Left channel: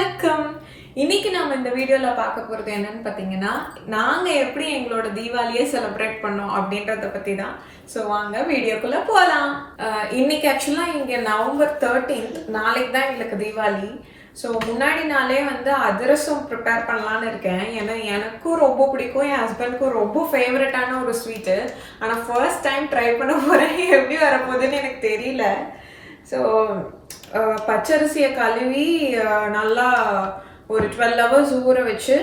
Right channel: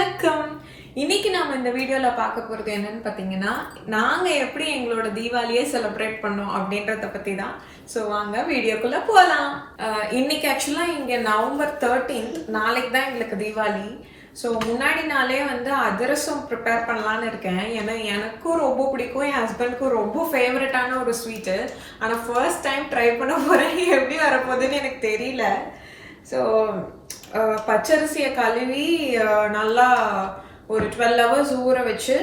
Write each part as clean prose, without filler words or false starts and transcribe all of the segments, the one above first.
வணக்கம். இன்னைக்கு நாம இந்த வீடியோல பார்க்க போறது என்னன்னு பாத்தீங்கன்னா, நாங்க எப்படி எங்களோட தீபாவளியை செலிப்ரேட் பண்ணோம் அப்படின்றத பத்தி தான். ஸோ வாங்க வீடியோக்குள்ள போகலாம். இன்னைக்கு ஆக்சுவலா இங்க நவம்பர் 13th, நாளைக்கு தான் எங்களுக்கு தீபாவளி. ஸோ முன்னாடி நாளே வந்து அதிரசம் ப்ரிப்பேர் பண்ணலான்னு இருக்கேன். ஏன்னா எனக்கும் ரொம்ப பிடிக்கும், என் ஹஸ்பண்டுக்கும் ரொம்ப ஃபேவரட்டான ஒரு ஸ்வீட்டு. ஆனால் ஃபர்ஸ்ட் டைம் ட்ரை பண்ண போகிறேன், எப்படி வரப்போகுதுன்னு எனக்கு தெரியல. ஸோ பச்சரிசியை கழுவி நல்லா ஒரு 12 hours ஊற வச்சு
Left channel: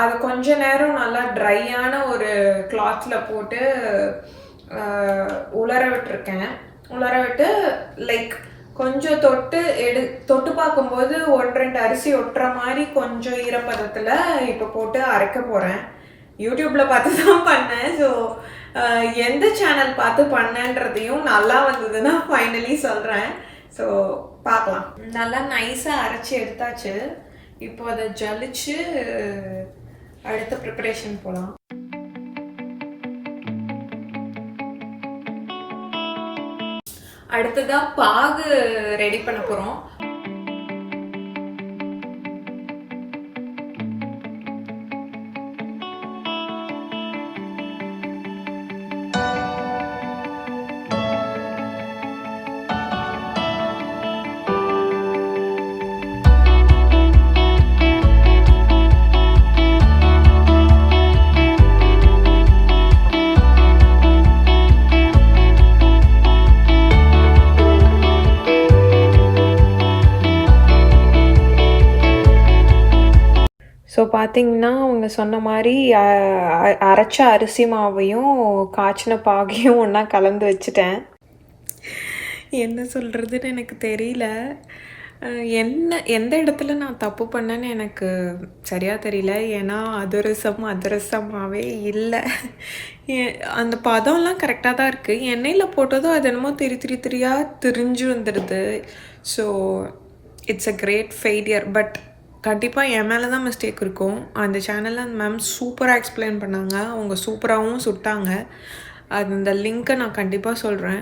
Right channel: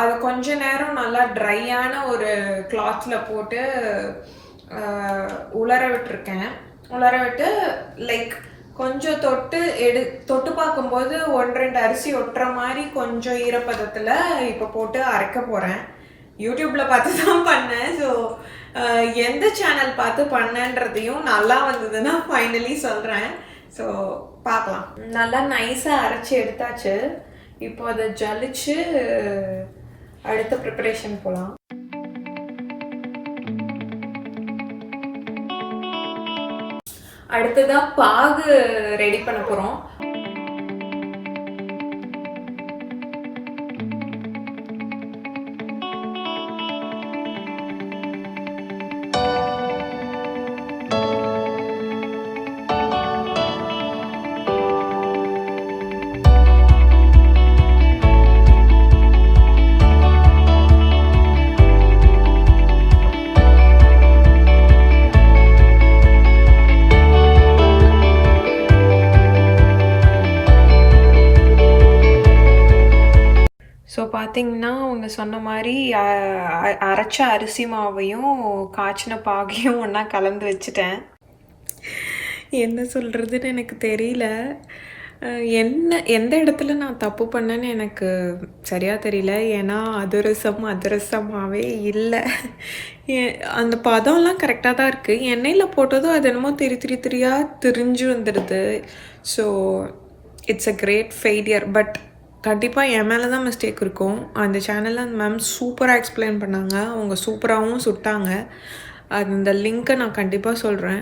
அதை கொஞ்ச நேரம் நல்லா ட்ரையான ஒரு கிளாத்தில் போட்டு உலர விட்டுருக்கேன். உலர விட்டு லைக் கொஞ்சம் தொட்டு பார்க்கும்போது 1-2 அரிசி ஒட்டுற மாதிரி கொஞ்சம் ஈரப்பதத்தில் இப்போ போட்டு அரைக்க போகிறேன். யூடியூப்பில் பார்த்து தான் பண்ணேன். ஸோ எந்த சேனல் பார்த்து பண்ணேன்றதையும் நல்லா வந்ததுன்னா ஃபைனலி சொல்கிறேன். ஸோ பார்க்கலாம். நல்லா நைஸாக அரைச்சி எடுத்தாச்சு. இப்போ அதை ஜலிச்சு அடுத்த ப்ரிப்பரேஷன் போகலாம். அடுத்ததாக பாகு ரெடி பண்ண போகிறோம். ஸோ பார்த்திங்கன்னா அவங்க சொன்ன மாதிரி அரைச்ச அரிசி மாவையும் காய்ச்சின பாகையும் ஒன்றா கலந்து வச்சுட்டேன். என்ன சொல்கிறதுன்னு எனக்கு தெரியல. எந்த இடத்துல நான் தப்பு பண்ணேன்னு எனக்கு சரியாக தெரியல. ஏன்னா அதிரசமாகவே இல்லை. அந்த பதம்லாம் கரெக்டாக தான் இருக்குது. எண்ணெயில் போட்டதும் அது என்னமோ திரியாக திரிஞ்சு வந்துடுது. So it's a great failure. But கண்டிப்பாக என் மேலே தான் மிஸ்டேக் இருக்கும். அந்த சேனலில் அந்த மேம் சூப்பராக எக்ஸ்பிளைன் பண்ணாங்க. அவங்க சூப்பராகவும் சுட்டாங்க. அந்த லிங்க்கை நான் கண்டிப்பாக சொல்கிறேன்,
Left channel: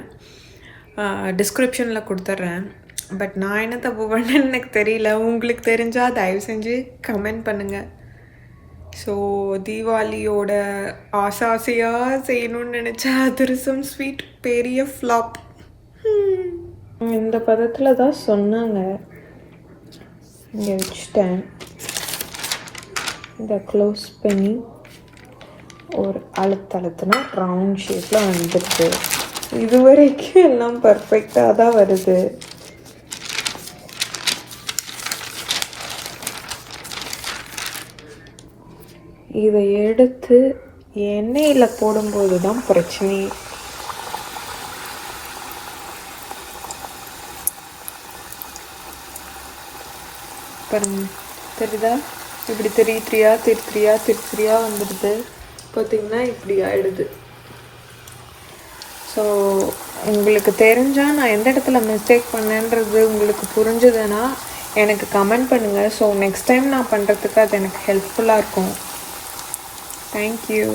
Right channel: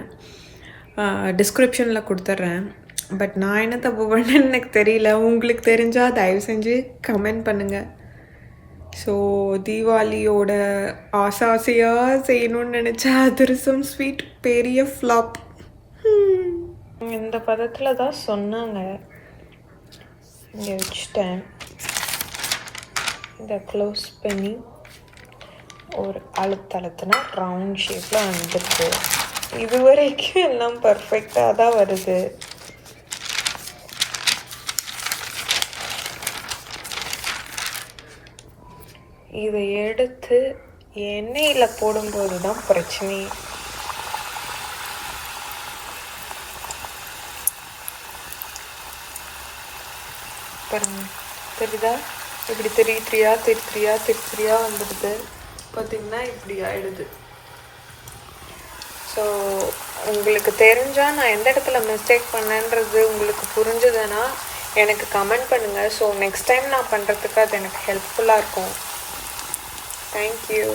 டிஸ்கிரிப்ஷனில் கொடுத்துட்றேன். பட் நான் என்ன தப்பு பண்ணேன்னு எனக்கு தெரியல. உங்களுக்கு தெரிஞ்சால் தயவு செஞ்சு கமெண்ட் பண்ணுங்கள். ஸோ தீபாவளியோட ஆசையாக செய்யணும்னு நினச்சா அதிரசம் ஸ்வீட் பெரிய ஃப்ளாப். இந்த பதத்தில் தான் சொன்னாங்க. இங்கே வச்சுட்டேன். இதை க்ளோஸ் பண்ணி ஒரு அழுத்துனா ரவுண்ட் ஷேப்பில் வந்துடுது. இது வரைக்கும் எல்லாம் பர்ஃபெக்டாக தான் வருது. இதை எடுத்து எண்ணெயில் போடும்போது தான் பிரச்சனையே. பாருங்க, தெரியுதா? இப்படி திரியா வந்துடுது. பார்த்திங்கன்னா இப்படி ஆகிடுது. ஸோ உங்களுக்கு தெரிஞ்சால் நான் எந்த இடத்துல மிஸ்டேக் பண்ணேன்றது உங்களுக்கு புரிஞ்சுதுன்னா எனக்கு கமெண்ட் பண்ணுங்கள். ஸோ நெக்ஸ்ட் டைம் நான் பண்ணுறதுக்கு அது எனக்கு ஹெல்ப்ஃபுல்லாக இருக்கும். தேங்க்யூ.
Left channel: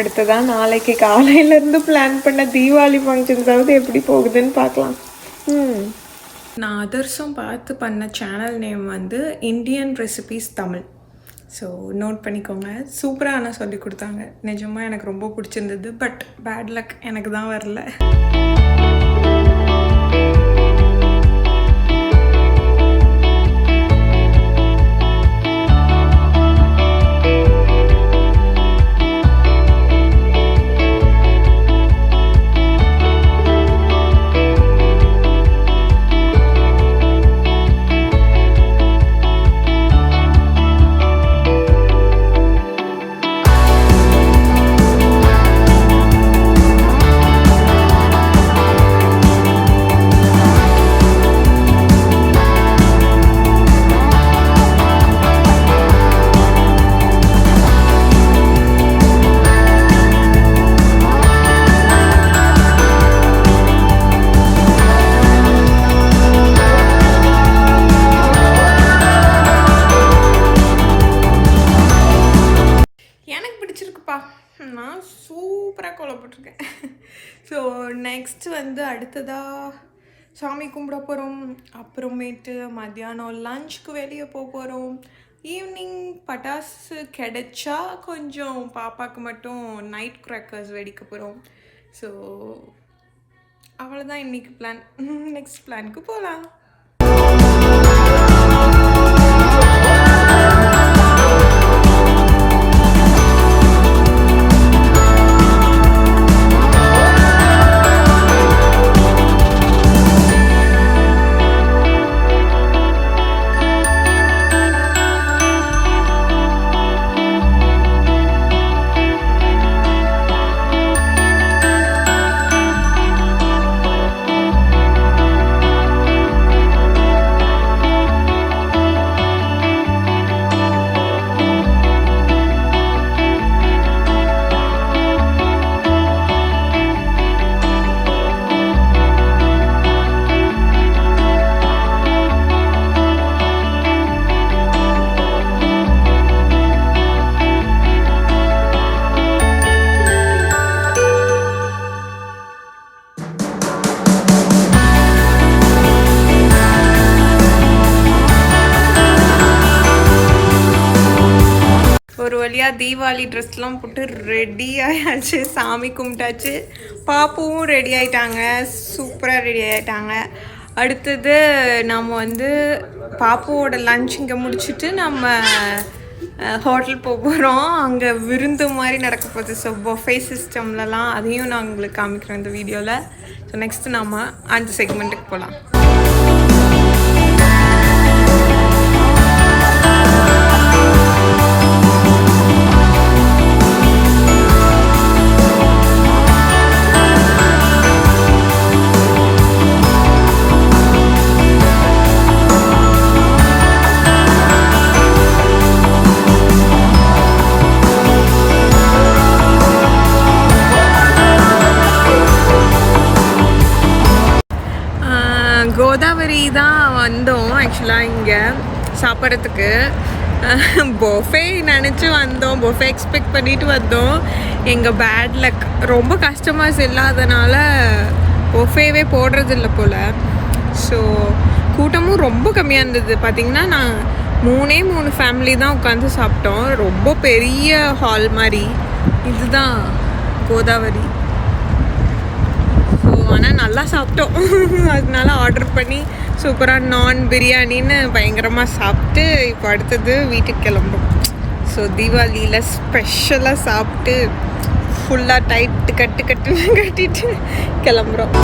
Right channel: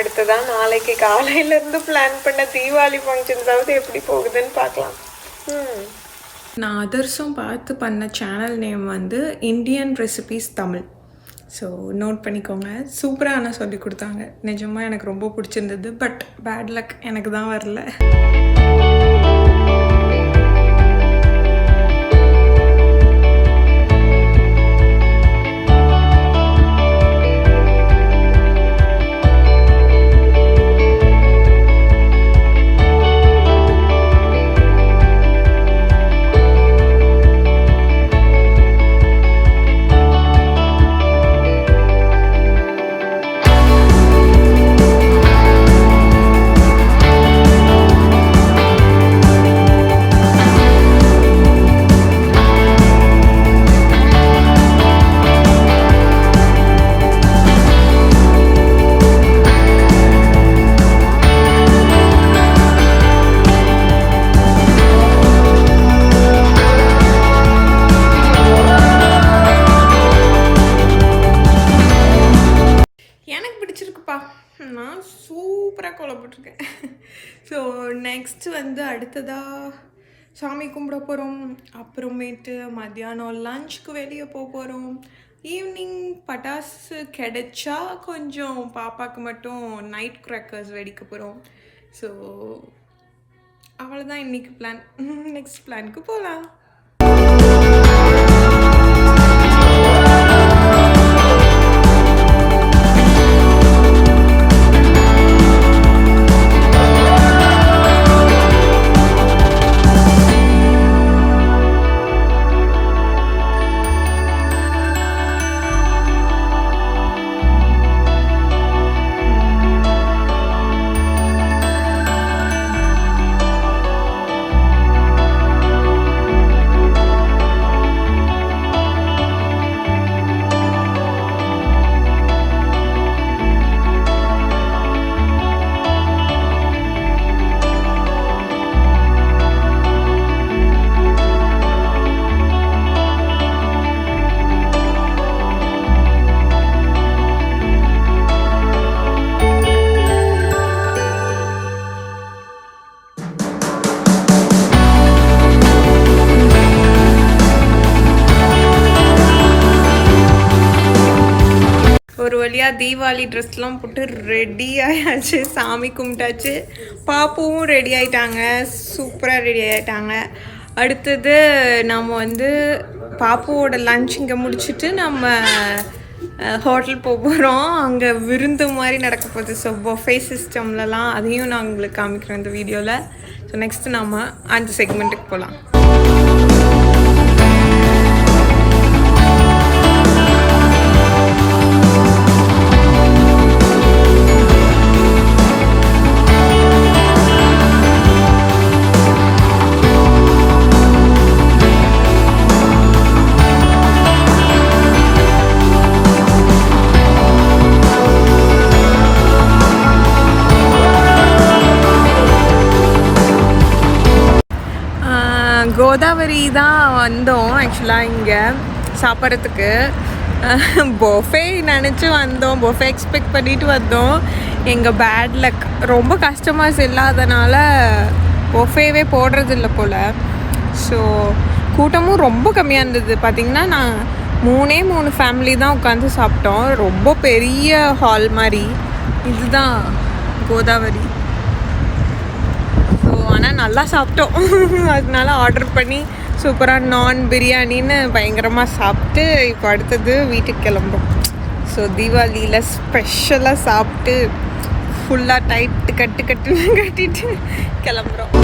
அடுத்ததான் நாளைக்கு காலையிலேருந்து பிளான் பண்ண தீபாவளி ஃபங்க்ஷன்ஸாவது எப்படி போகுதுன்னு பார்க்கலாம். நான் அதர்ஸும் பார்த்து பண்ண சேனல் நேம் வந்து Indian recipes Tamil. So note பண்ணிக்கோங்க. சூப்பராக ஆனால் சொல்லி கொடுத்தாங்க. நிஜமாக எனக்கு ரொம்ப பிடிச்சிருந்தது. பட் பேட் லக், எனக்கு தான் வரல. நான் சூப்பராக கோலப்பட்டிருக்கேன். ஸோ நெக்ஸ்ட்டு வந்து அடுத்ததாக சாமி கும்பிட போகிறோம். அப்புறமேட்டு மத்தியானம் லஞ்சுக்கு வெளியே போகிறோம். ஈவினிங் பட்டாசு கிடைச்சா கொஞ்சம் பாப்பாவுக்கு மட்டும் நைட் கிராக்கர்ஸ் வெடிக்க போகிறோம். ஸோ அவ்வளோதான் இன்றைக்கி பிளான். நெக்ஸ்ட் பிளானுக்கு போகலாம். ஒரு வழியாக தீபாவளி ட்ரெஸ்லாம் போட்டு ரெடி ஆயாச்சு. சாமி கும்பிட்டாச்சு. பாப்புவும் ரெடி ஆகிட்டாங்க. சூப்பராக ரெடி ஆகிட்டாங்க. அடுத்தது நம்ம பாப்புவோட லன்ச் இங்கே முடிச்சுட்டு நம்ம ஹோட்டல் போகிறோம். அங்கே விருந்து மாதிரி நடக்க போகுது. ஸோ பொஃபே சிஸ்டம்லலாம் அதையும் நான் உங்களுக்கு காமிக்கிறேன் இந்த வீடியோவில். ஸோ நெக்ஸ்ட்டு நம்ம அந்த செக்மெண்ட்டுக்கு போகலாம். கோதாவரி தான் வந்தோம் ஆக்சுவலாக இங்கே சாப்பிட்றதுக்கு. பொஃபே நினச்சி வந்தோம். பொஃபே எக்ஸ்பெக்ட் பண்ணிட்டு வந்தோம். எங்கள் பேட் லக், ரொம்ப கஸ்டமர்ஸ் இல்லாதனால பொஃபேவே போடுறதில்ல போல். ஸோ கூட்டமும் ரொம்ப கம்மியாக இருந்தது. பார்த்திங்கன்னா நான் 3 ஃபேமிலி தான் உட்காந்து சாப்பிட்டோம். ரொம்ப பெரிய ஹால் மாதிரி. இதுதான் கோதாவரி. ஸோ ஆனால் நல்லா சாப்பிட்டோம். அதனால ஆர்டர் பண்ணி சூப்பராக நான் பிரியாணின்னு பயங்கரமாக சாப்பிட்டு இப்போ அடுத்தது வீட்டுக்கு கிளம்புறோம். ஸோ தீபாவளியில் ஸ்பெஷலாக சாப்பிட்டு ஃபுல்லாக டைட்டு கட்டிட்டு கிளம்புறோம்.